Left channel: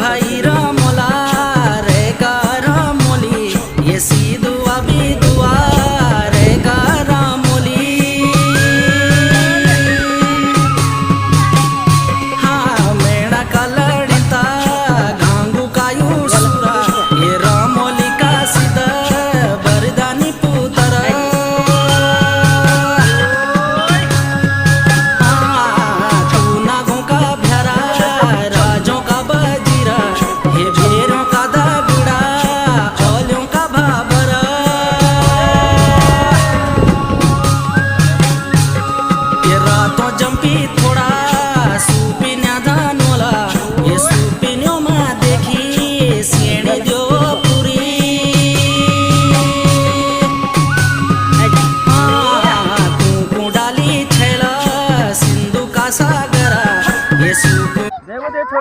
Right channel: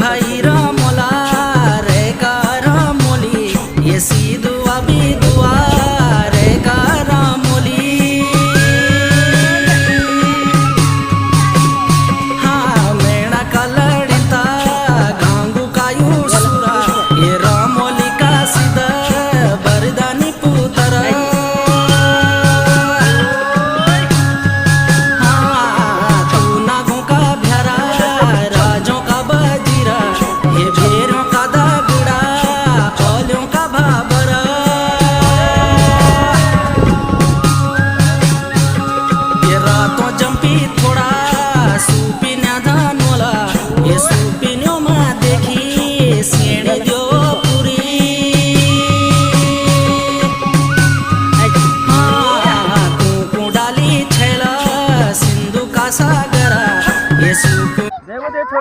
भाई रामोला रे का रामोली ये सी दुआ भी दुआ रे का रामोली। हाँ मेणा का लड़िता गांगू का यूसुरा ये रामोली का सीधा बरदानी पुतरा। हाँ तू नागों का भ्यारा राजों का बजीरा ये भेरों का दगड़ा औलियों का भाबरा। ये रातों जंपी थोड़ा सूपिन्या धानोला ये सूपिन्यों में देखी सेने दो पूरी। हाँ कुकू डाली छैला सिंधु का सागरा ये सूप